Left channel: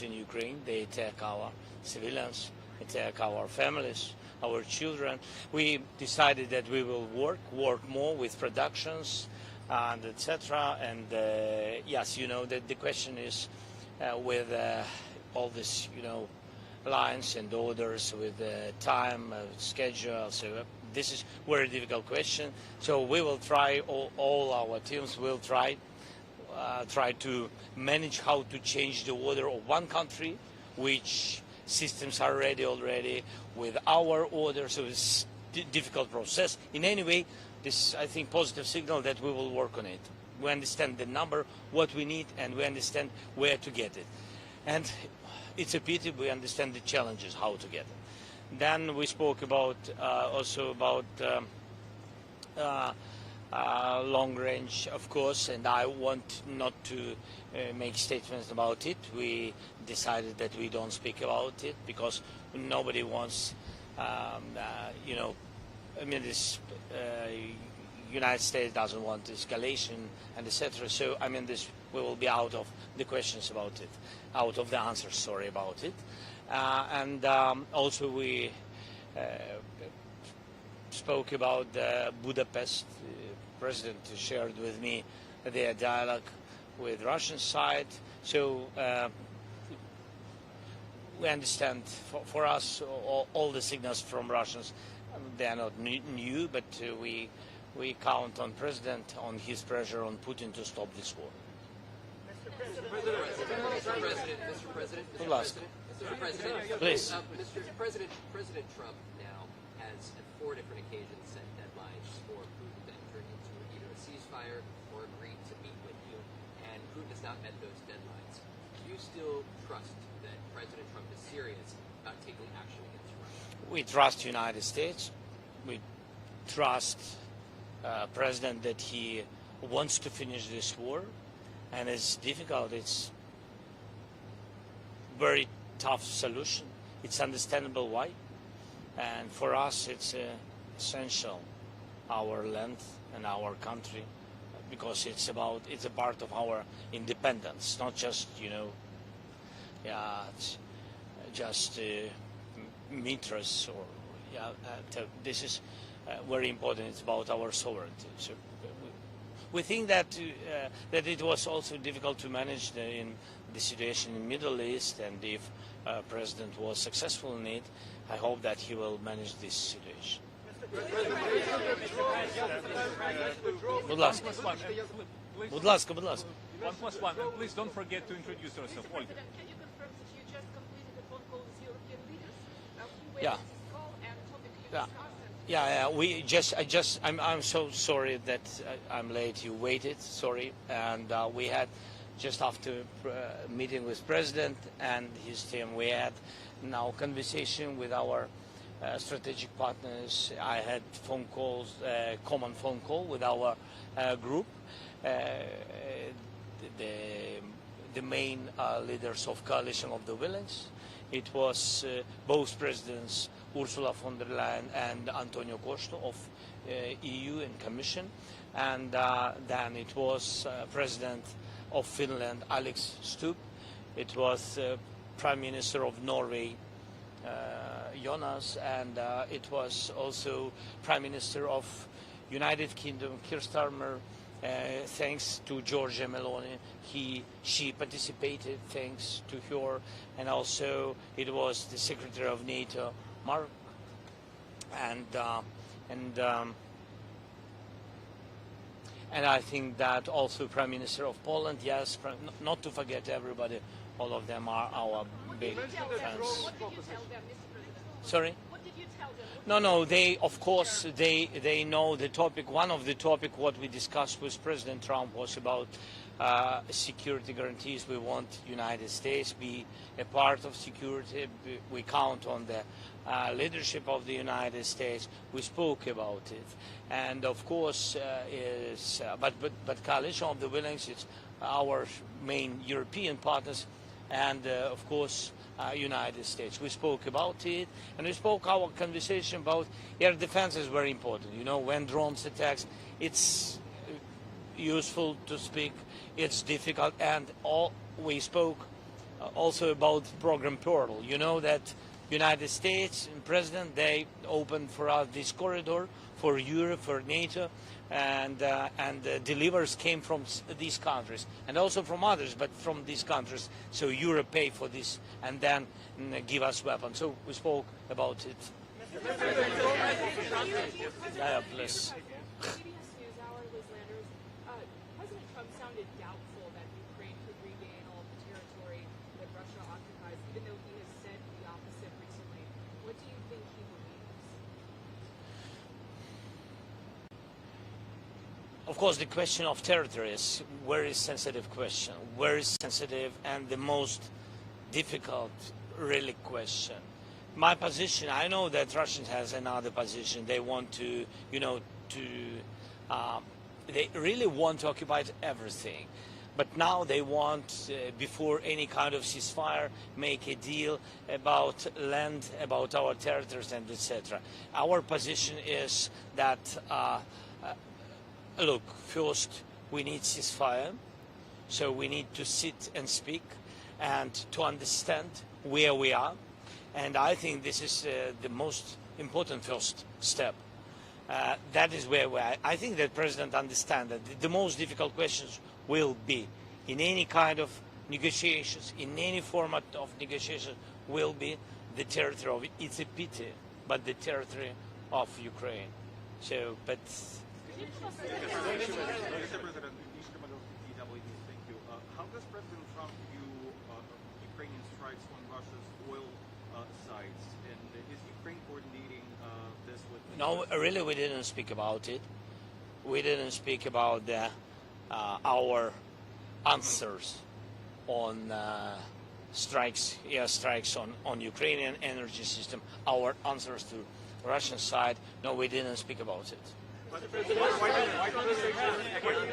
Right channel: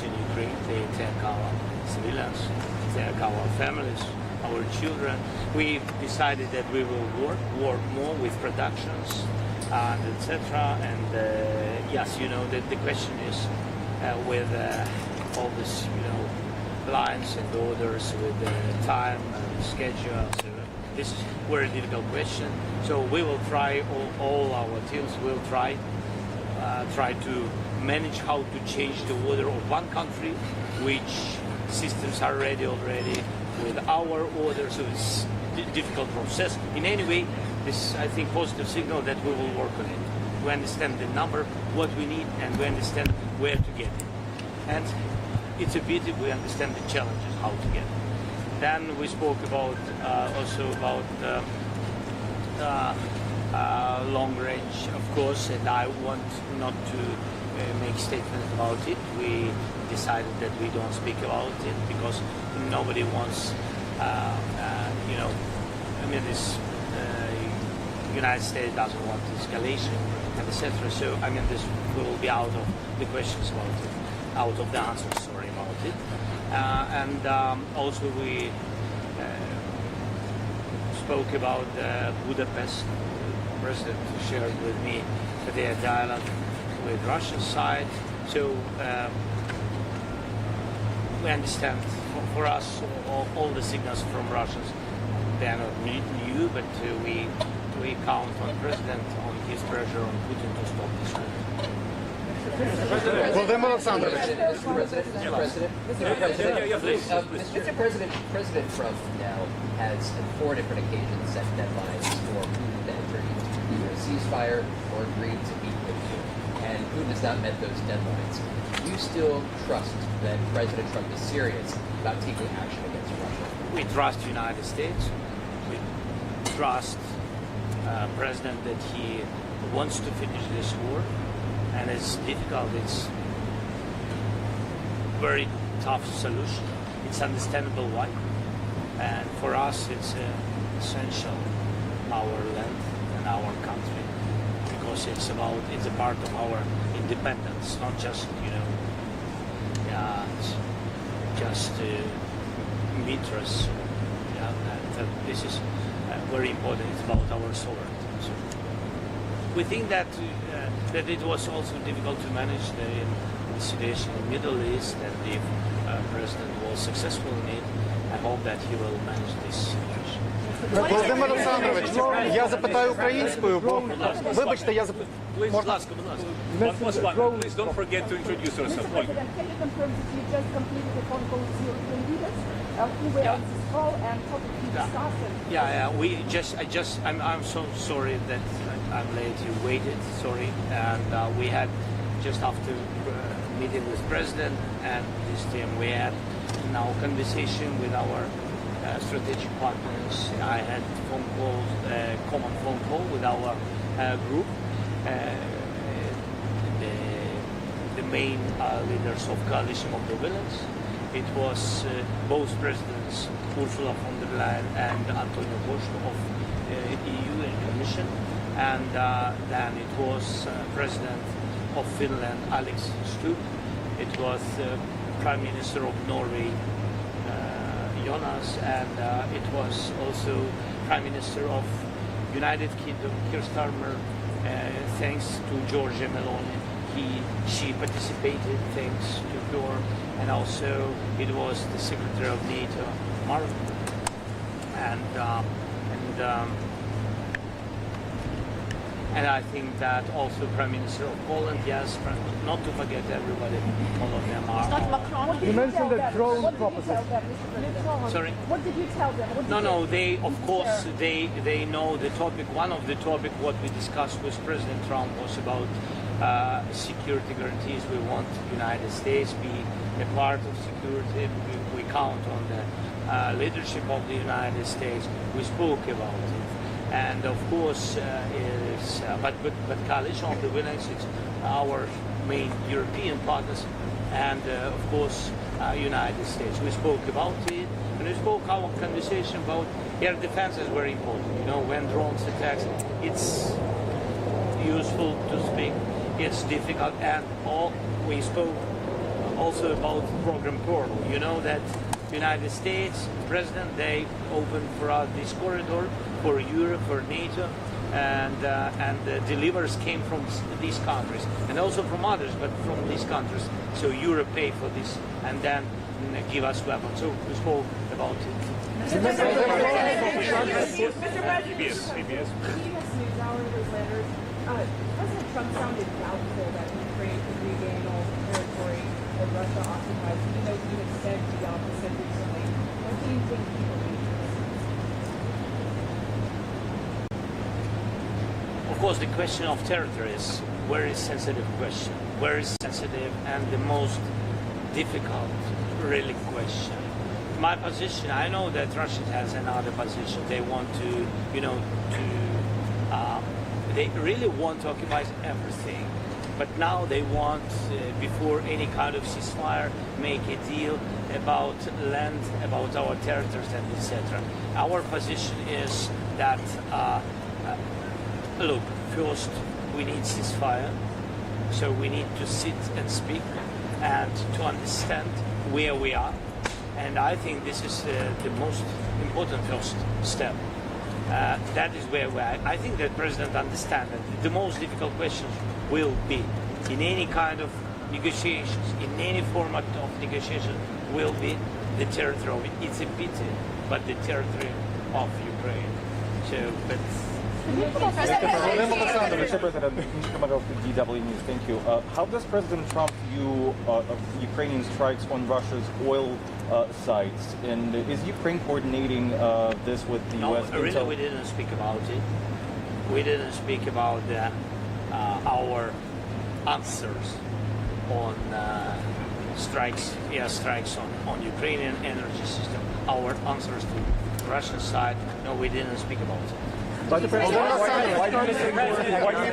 troops in Ukraine. They attack our civilians, attack our families, our children. We decided that we will work more with productions and etc. And yes, the question is with all this, lines and orders with time and schedule. So this is a very difficult question. So we will try, all our teams will try to manage how to change the order of one country, which systems are ready already with our order. So it's a difficult process. In any way, this, I think, positive signal that we will work on it. We understand the number, what we need, and we understand where to get it. And it's a pity we understand the challenges, how to get it. Then we spoke about also about long range, of course, and I want not to make statements about it. We decided that we don't speak about it because nobody wants, this United States doesn't want escalation and etc. So this will be out of the questions about it, out of the answers, sorry, about it. And also we spoke about Budapest. President shared with me their dialogue with Russian side. So we understand for us all the signals from Russians, they are not new, but we count on President, on his pressure on Putin to stop this war. Mr. President, President Trump now has on 4 different occasions set deadlines for Putin to enter into either a ceasefire or agree to meet with you. And Putin has not met those deadlines. Do you still trust that President Trump is serious about taking action against Russia? We trust the United States. We trust President that he wants to finish this war. And it's difficult, it's very tough solution. It's understandable why. And for us, it's essential, our land and our country, because it's a part of our independence, not just, just meters. And this is very important. It's about our sovereignty. So we think that it was also difficult to manage the situation in the Middle East, and if President was successful in it, I hope that he will manage this situation. Володимир Олександрович, я запитаю українською, бо вибачте, я запитаю. Будь ласка. Please don't forget to introduce yourself. Can you confirm that you just completed a phone call with European leaders who were on this call and probably discussed it? I'm so sorry that I'm late. You waited, sorry, and we had just after meeting with President and his team, we had now conversation with our strategic partners. I had phone calls, common phone call with our group, the main leaders of Coalition of the Willing. It was both presidents, Ursula von der Leyen and Antonio Costa of EU and Commission, and then it was President of Finland, Alex Stubb. It was Prime Minister of Norway, Jonas, and it was also Prime Minister of United Kingdom, Keir Starmer. Thanks to Giorgia Meloni, she participated. Thanks to her, and also it was the Secretary of NATO, Mark, and I think that also Prime Minister of Poland, yes, not to forget everybody, all of them are. You mentioned the drone proposition. Sorry? What did you tell them? No, they, of course, they know the topic. One of the topic what we discussed with President Trump was about security guarantees. We want the United States be a part of security. We count on the leadership of the United States. We spoke about it. And of course, but Coalition of the Willing is our main European partners, and of course, United States. We spoke about it, and we spoke our conversation about air defense is very important. When drones attacks, it's useful to speak. It's difficult, and we spoke also about program Pearl. You know that United States President, they opened for us this corridor for Europe, for NATO, and the deliverers came from these countries and also from others, but from these countries. So Europe pay for this and then give us weapons. So we spoke about it. PBS. CBS NewsHour was letters. President Trump sounded doubtful that Ukraine could regain all the territory that Russia occupies, even though he has said the opposite recently. What do you think he believes? Of course, the question of territory is a very sensitive question, very sensitive and the most difficult, really, question. My position, I know that Russia has another position. They want to, they really want to occupy everything. But now they want, before any kind of ceasefire, make a deal about land, about our territories, and etc. Our position is that, look, first we need ceasefire, so we need to sit and speak and to understand where we are. And I think this is the most important first step. That is where we are. I think that President understands that the most difficult questions will be in any kind of negotiations, in any format of negotiation, will be the territory. It's a pity, but the territory of Ukraine. So, but. Mr. President, DW News, thank you. How does President Trump view Ukrainian strikes on Russia's oil sites? And is Ukraine coordinating this with the No, U.S.? really, we didn't speak about it. We didn't speak about our answers on strikes, air strikes on Ukrainian energy system. Our answers to the Russian side, no, we didn't speak about it. Why do you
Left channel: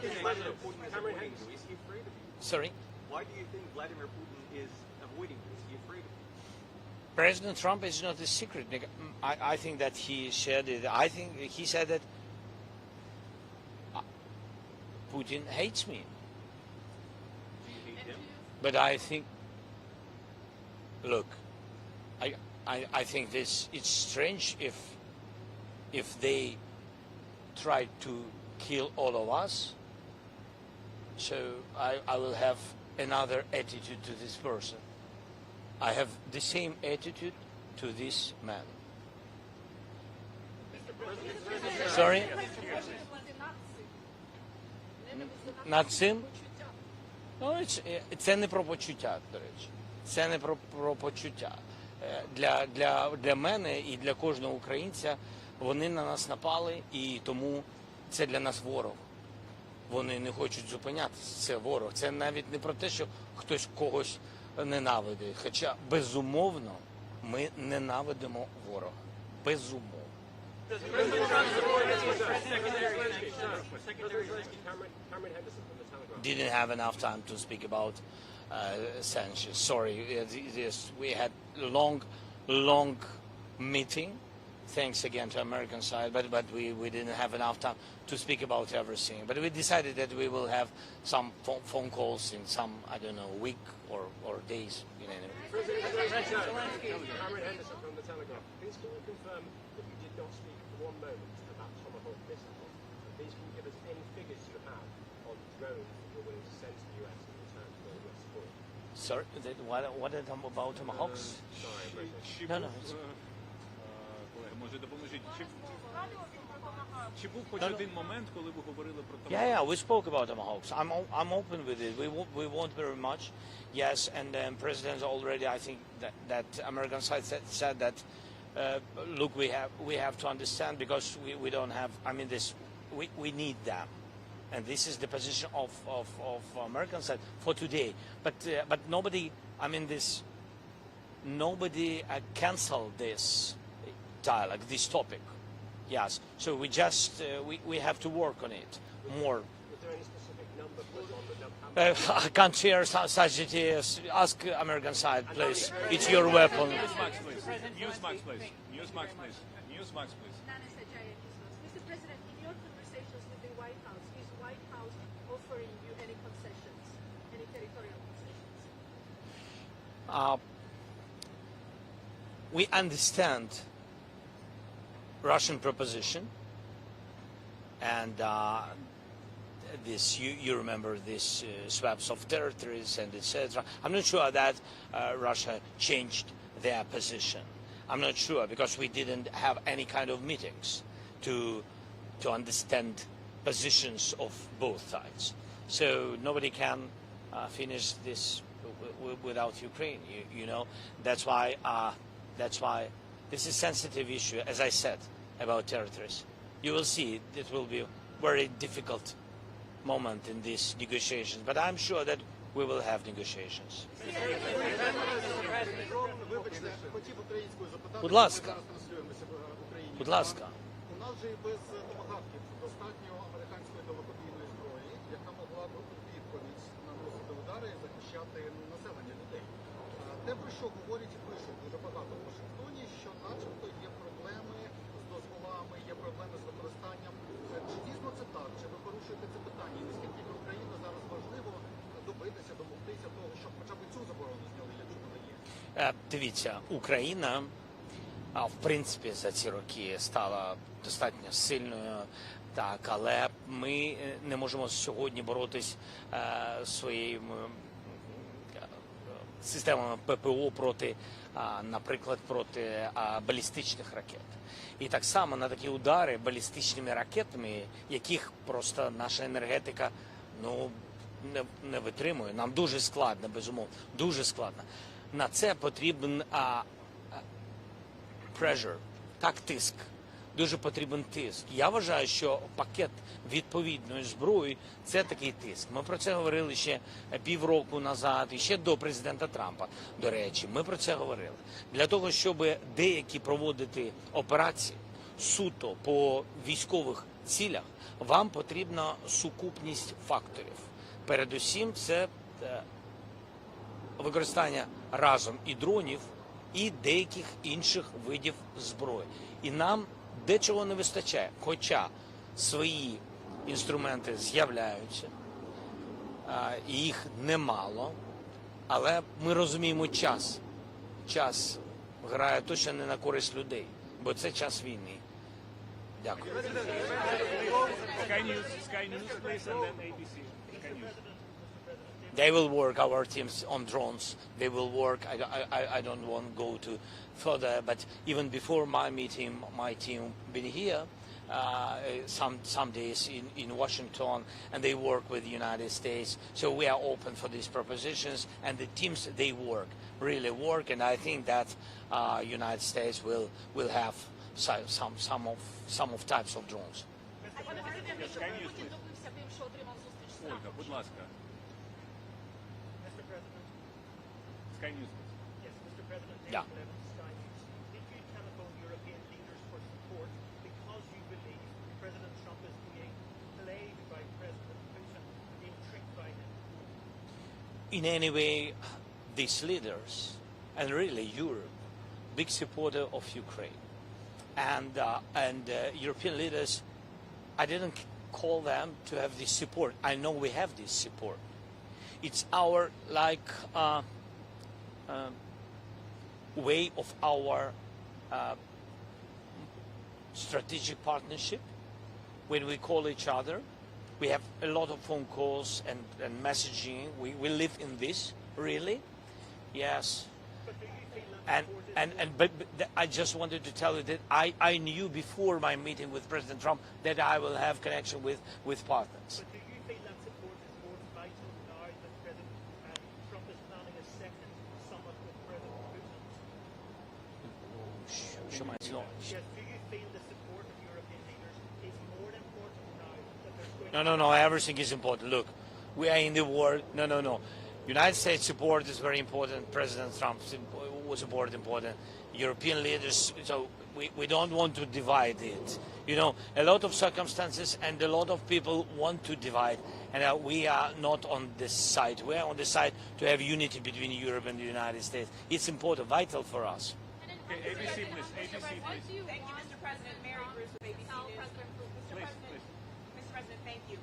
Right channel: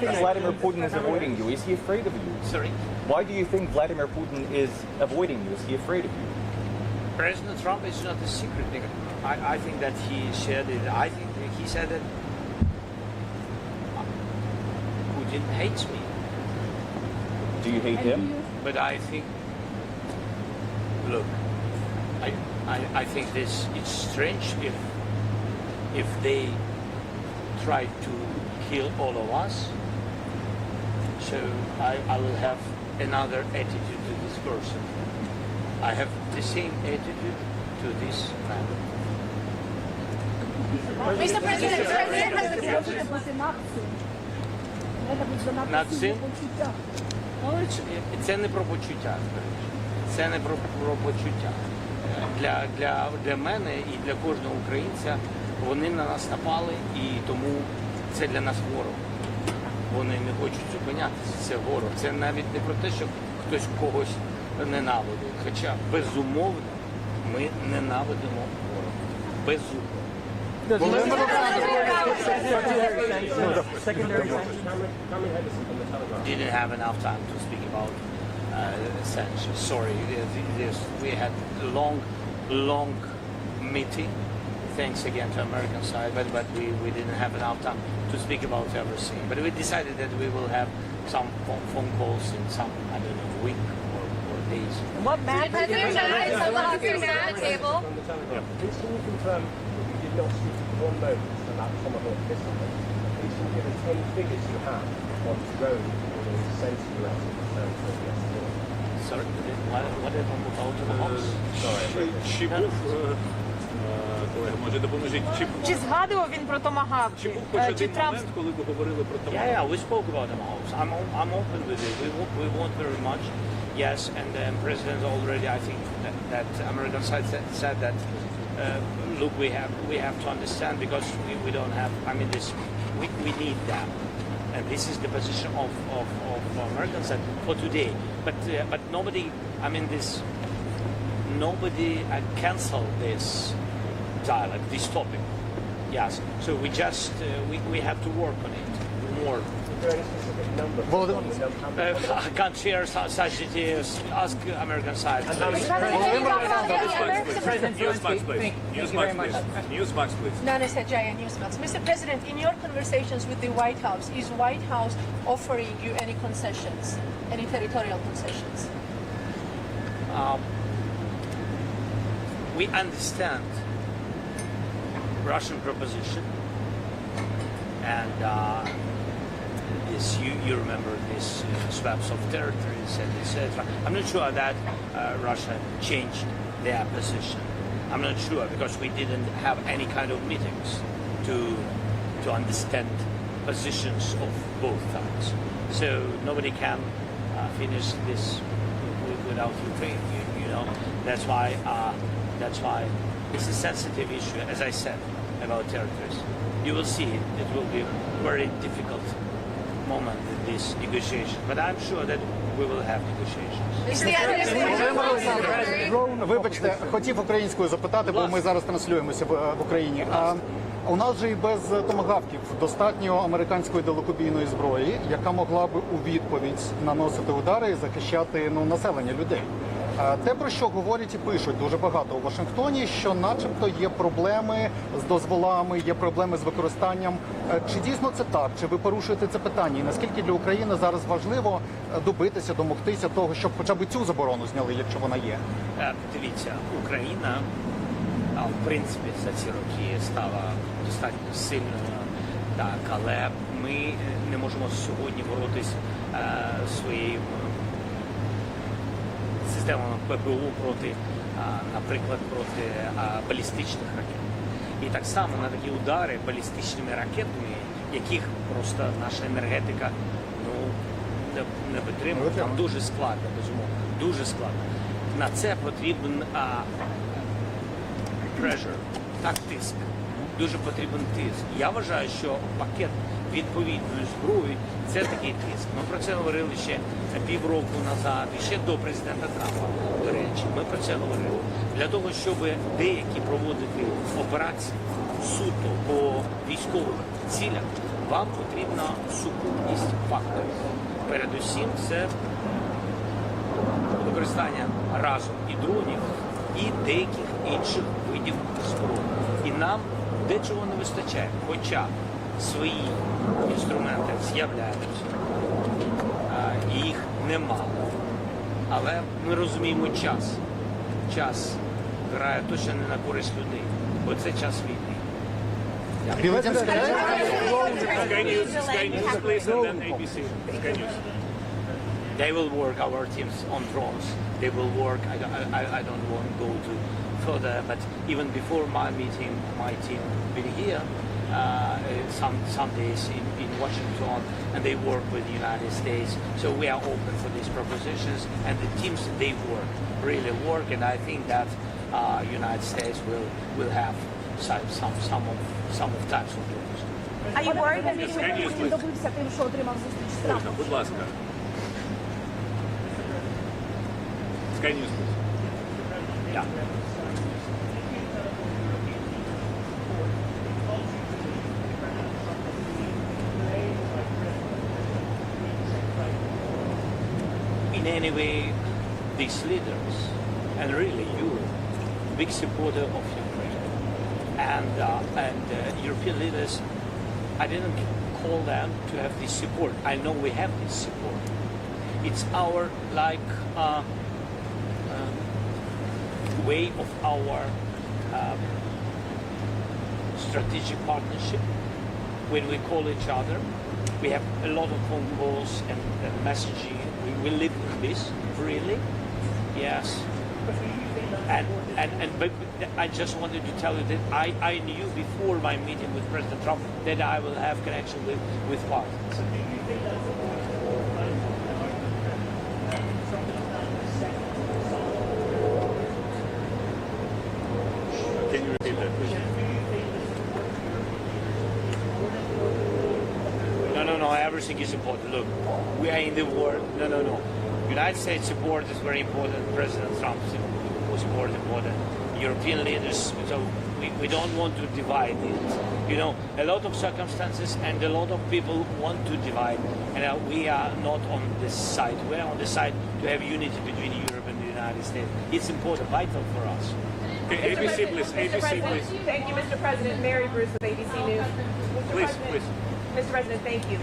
think Vladimir Putin is avoiding you? Is he afraid of you? Sorry? Why do you think Vladimir Putin is avoiding you? Is he afraid of you? President Trump is not a secret. I think that he shared it. I think he said that Putin hates me. Do you hate him? But I think, look, I think it's strange if they try to kill all of us. So I will have another attitude to this person. I have the same attitude to this man. Mr. President, Sorry? Нацин? Ну, це не про почуття, до речі. Це не про почуття. Для мене і для кожного українця вони на нас напали, і тому це для нас ворог. Вони не хочуть зупинятися, це ворог. Це навіть не про те, що хтось когось ненавидить. Хоча, безумовно, ми ненавидимо ворога. Безумовно. Didn't have enough time to speak about sanctions. Sorry, yes, we had a long meeting. Thanks again to American side, but we didn't have enough time to speak about everything. But we decided that we will have some phone calls in some, I don't know, week or days. What matters is the table. Can you confirm you did not speak one moment about Tomahawk missiles? Please can you give us any figures you have on drone being sent to US yesterday? Sorry, whatever about the house. Чи був, колеги, може допоможіть, Чи згадував він про томагавки? чи був хоч Чи один Трамп момент, коли ви говорили про те? Yeah, we spoke about the house. I'm open with it. We want very much. Yes, and the president already, I think that American side said that. Look, we have to understand because we don't have. I mean, we need that, and this is the position of American side for today. But nobody. I mean, nobody canceled this dialogue, this topic. Yes. So we just we have to work on it more. Is there any specific number? I can't share such details. Ask American side. It's your weapon. Newsmax, please. Newsmax, please. Nana Sajaya, Newsmax. Mr. President, in your conversations with the White House, is White House offering you any concessions, any territorial concessions? we understand Russian proposition, and this you remember this swaps of territories and etc. I'm not sure that Russia changed their position. I'm not sure because we didn't have any kind of meetings to understand positions of both sides. So nobody can finish this without Ukraine. You know, that's why it's a sensitive issue, as I said, about territories. You will see it will be a very difficult moment in this negotiation, but I'm sure that we will have negotiations. Вибачте, хотів українською запитати, бо ми зараз транслюємося в Україні. У нас же і без томагавків достатньо американської далекобійної зброї, яка могла би у відповідь наносити удари і захищати населення людей. Те, про що говорять і пишуть дуже багато у Вашингтоні, що начебто є проблеми з дозволами, є проблеми з використанням. Чи дійсно це так? Чи ви порушуєте це питання? І наскільки для України зараз важливо добитися, домогтися того, щоб хоча б цю заборону зняли, якщо вона є? Дивіться, Україна, в принципі, за ці роки стала достатньо сильною, так, але ми не можемо сьогодні боротись своїм системами ППО проти, наприклад, проти балістичних ракет. І так само на такі удари балістичними ракетами, яких просто наша енергетика не підтримує, там дуже складно, безумовно, дуже складно. На це потрібен pressure, так, тиск. Дуже потрібен тиск. Я вважаю, що пакет відповідної зброї – це такий тиск. Ми про це говорили ще півроку назад, і ще до президента Трампа, до речі. Ми про це говорили. Для того, щоб деякі проводити операції суто по військових цілях, вам потрібна сукупність факторів. Передусім, це використання разом і дронів, і деяких інших видів зброї. І нам дечого не вистачає, хоча свої інструменти з'являються, їх немало, але ми розуміємо час. Час грає точно не на користь людей, бо це час війни. Sky News, please, and then ABC. Sky News. They will work, our teams, on drones. They will work, I don't want to go to further, but even before my meeting, my team will be here some days in Washington, and they work with the United States. So we are open for these propositions, and the teams, they work, really work, and I think that United States will have some of types of drones. Are you worried that maybe Putin добився тим, що отримав зустріч з Трампом? Будь ласка. Sky News, please. Yeah. In any way, these leaders, and really Europe, big supporter of Ukraine, and European leaders, I didn't call them to have this support. I know we have this support. It's our way of our strategic partnership. When we call each other, we have a lot of phone calls and messaging. We live in this, really, yes. But I just wanted to tell you that I knew before my meeting with President Trump that I will have connection with politics. Can you repeat that, please? No, everything is important. Look, we are in the war. No. United States support is very important. President Trump's support is important. European leaders, so we don't want to divide it. You know, a lot of circumstances and a lot of people want to divide, and we are not on this side. We are on the side to have unity between Europe and the United States. It's important, vital for us. Okay, ABC, please. ABC, please. Thank you, Mr. President. Mary Bruce with ABC News. Please, please. Mr. President, thank you.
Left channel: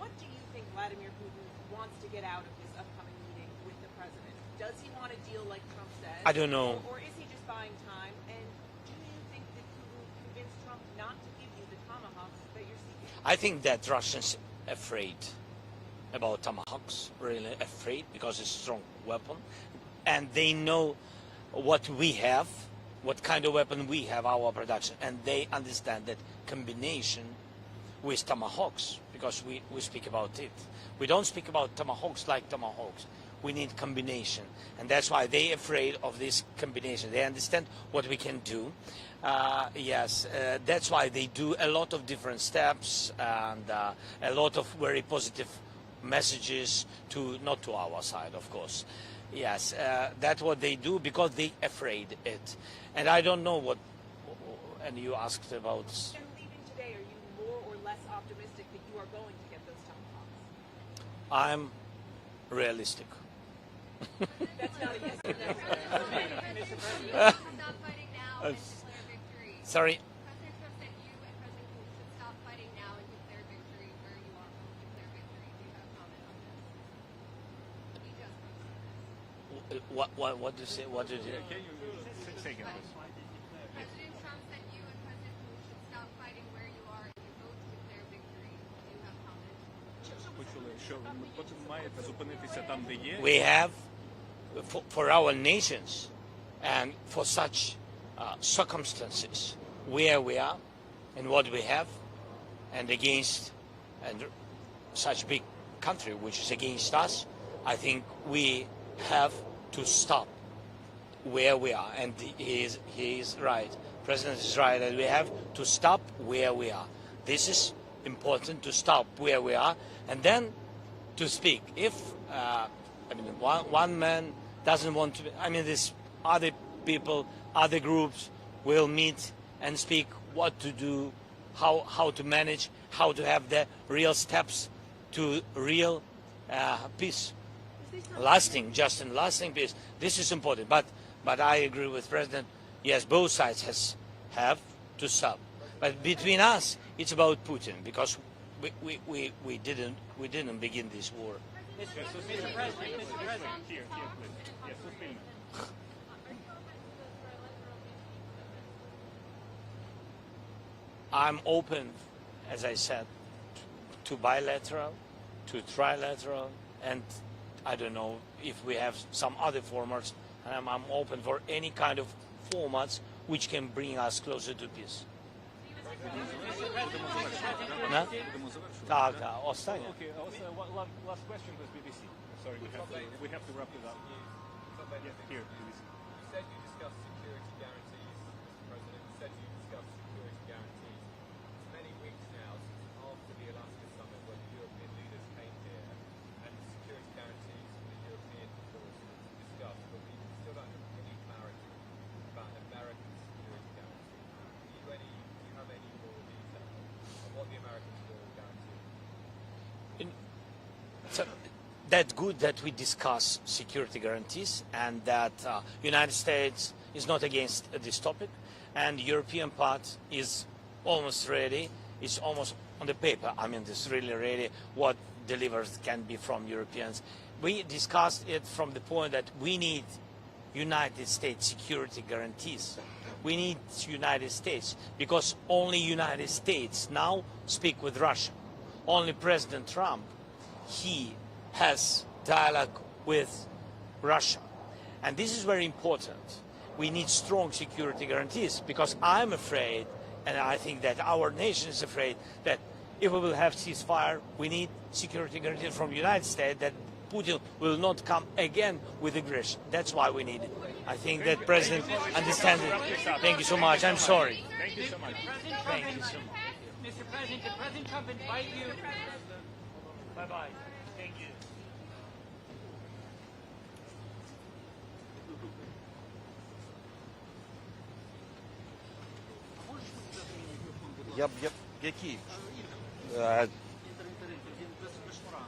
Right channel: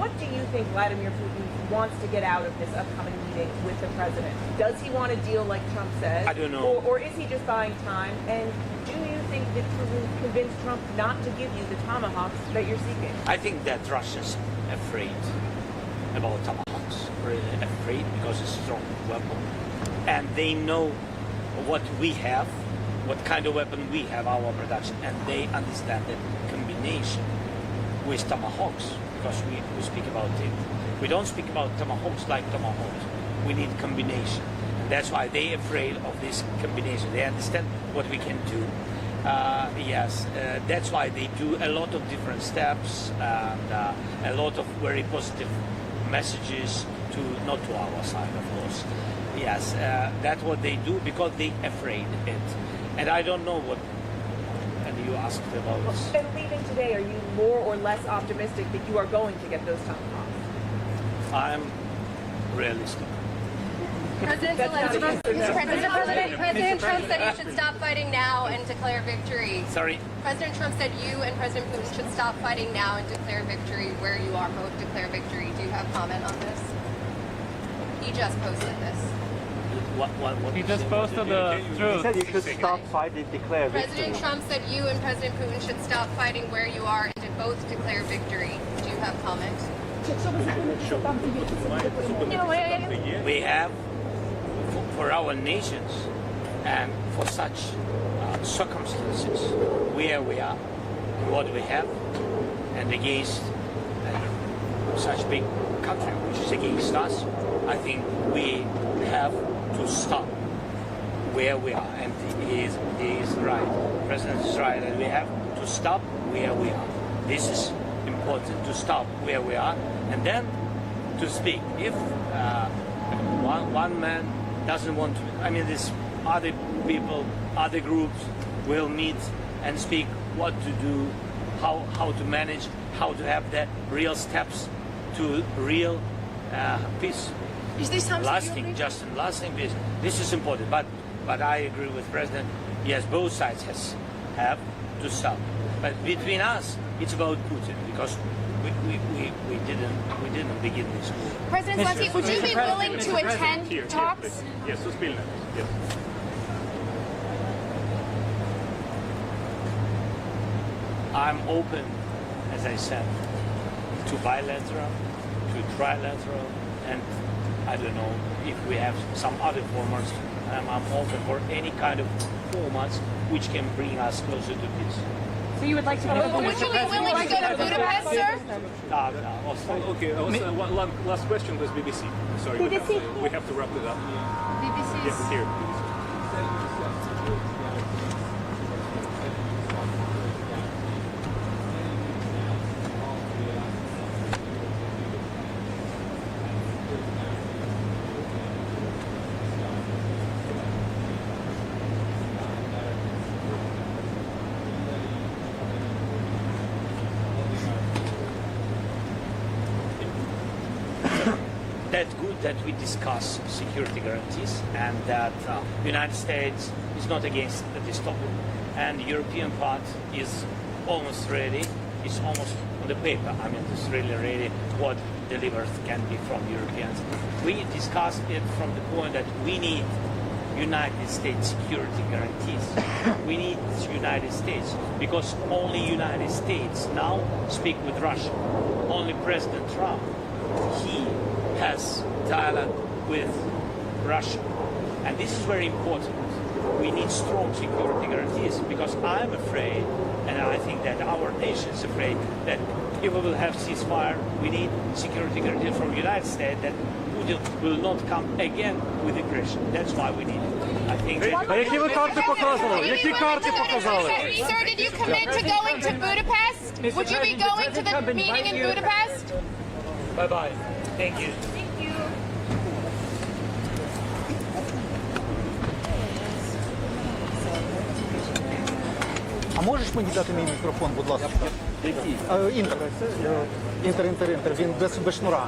What do you think Vladimir Putin wants to get out of this upcoming meeting meeting with the president? Does he want a deal like Trump says? I don't know. Or is he just buying time? And do you think that Putin convinced Trump not to give you the tomahawks that you're seeking? I think that Russians afraid about tomahawks, really afraid because it's a strong weapon, and they know what we have, what kind of weapon we have, our production, and they understand that combination with tomahawks, because we speak about it. We don't speak about tomahawks like tomahawks. We need combination, and that's why they're afraid of this combination. They understand what we can do. That's why they do a lot of different steps and a lot of very positive messages to not to our side, of course. Yes, that's what they do because they afraid it, and I don't know what. And you asked about this. And leaving today, are you more or less optimistic that you are going to get those tomahawks? I am realistic. President Zelenskyy, President Trump said you should stop fighting now and declare victory. Sorry. President Trump said you and President Putin should stop fighting now and declare victory where you are. Both declare victory. Do you have comment on this? He just posted this. What He just posted the truth. He said you should stop fighting, declare victory. President Trump said you and President Putin should stop fighting where you are and to both declare victory. Do you have comment? we have for our nations and for such circumstances where we are and what we have and against such big country which is against us, I think we have to stop where we are, and he is right. The President is right, and we have to stop where we are. This is important, to stop where we are and then to speak. If one man doesn't want to, I mean, there's other people, other groups will meet and speak what to do, how to manage, how to have the real steps to real peace. Is this something Lasting peace. This is important. But I agree with President. Yes, both sides have to stop. But between us, it's about Putin because we didn't begin this war. President Zelenskyy, would you be willing to attend talks? Yes, Suspilne. Yes. I'm open, as I said, to bilateral, to trilateral, and I don't know if we have some other formats. I'm open for any kind of formats which can bring us closer to peace. So you would like to go? Would you be willing to go to Budapest, sir? Okay, also one last question with BBC. Sorry, we have to wrap it up. BBC. Yes, here. That's good that we discuss security guarantees and that the United States is not against this topic. And the European part is almost ready. It's almost on the paper. I mean, it's really ready what delivered can be from Europeans. We discussed it from the point that we need United States security guarantees. We need United States because only United States now speak with Russia. Only President Trump, he has dialogue with Russia. And this is very important. We need strong security guarantees because I'm afraid, and I think that our nation is afraid, that if we will have ceasefire, we need security guarantees from the United States that Putin will not come again with aggression. That's why we need it. I think that President... Thank you so much. I'm sorry. Sir, did you commit to going to Budapest? Would you be going to the meeting in Budapest? Bye-bye. Thank you. А можеш мені дати мій мікрофон, будь ласка? Який? Інтер. Він без шнура.